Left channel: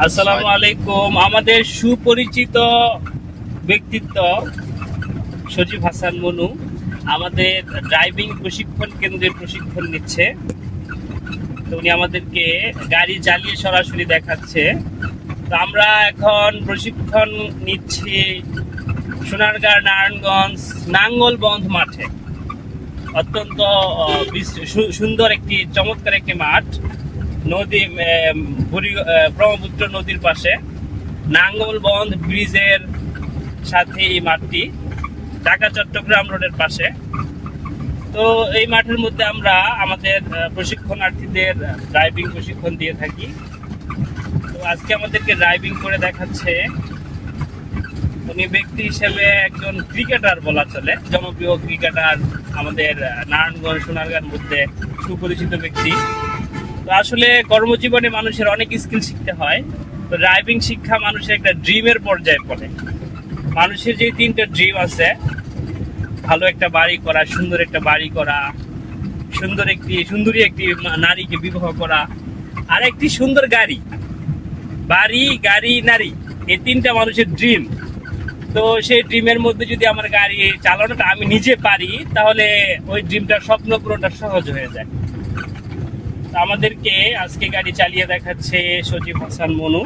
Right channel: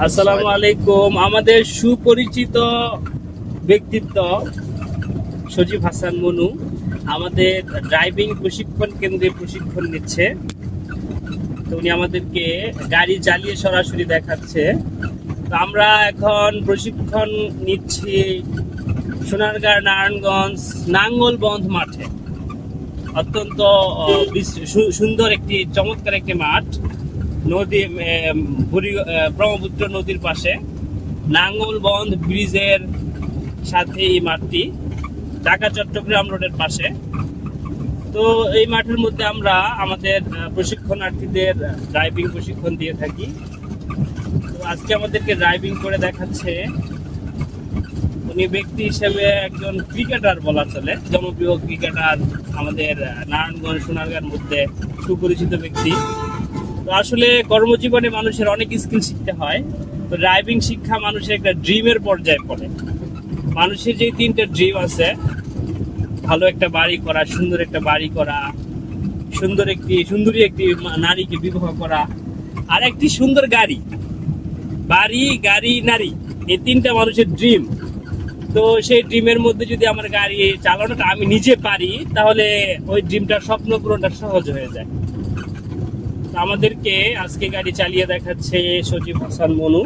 আসসালামু আলাইকুম। আমাদের সুপরিচিত ব্যক্তিত্ব সজীব হাসান মনু আমাদের ড্রাইভিং প্রশিক্ষণ কেন্দ্রে প্রশিক্ষণ নিচ্ছে। তো উনি আমাদেরকে গাড়ি চালিয়ে সরাসরি দেখাচ্ছে। তো আমরা এখন প্রশিক্ষণ নিচ্ছি সোনারগাঁ নারায়ণগঞ্জ নাঙ্গলবন্ধ মাঠে। অত্যন্ত সুন্দর একটি চমৎকার একটি মাঠ, নদী ব্রহ্মপুত্র নদীর পাশে নাঙ্গলবন্ধ ব্রিজের সাথে এই মাঠটি, ঢাকা চট্টগ্রাম রোডের পাশে। তো এই মাঠের মধ্যে আমরা আমাদের প্রশিক্ষণার্থীদের ড্রাইভিং প্রশিক্ষণ দিয়ে থাকি। তো আজকে আমাদেরকে ড্রাইভিং করে দেখাচ্ছে। উনি ব্যক্তি হিসেবে একজন ক্রিকেটার বলা চলে, জনপ্রিয় ক্রিকেটার, আমাদের নারায়ণগঞ্জ সোনারগাঁর মধ্যে সুপরিচিত ব্যক্তি। তো আসলে কর্মজীবনে মানুষের অনেক স্কিল শিখতে হয়। তো ড্রাইভিং শিক্ষা মানুষের একটা ড্রিমের পর্যায়ে পড়ে। মানুষের যে 3টা ড্রিম আছে, ভালো একটা বাড়ি করা, সুন্দর একটা বাড়ি করা, সুন্দরী একটি নারীকে বিবাহ করা, আর একটি সুন্দর গাড়ি, গাড়ি, নারী, এই 3টা মানুষের ড্রিম। তো সেই ড্রিমের মধ্যে যদি আমার গাড়ি চালানোটা আমি নিজে পারি, তাহলে ওই ড্রিমটার স্বপ্ন পূরণটা সহজ হয়ে যায়। আমাদেরকে আজকে গাড়ি চালিয়ে দেখাচ্ছে সজীব হাসান মনু।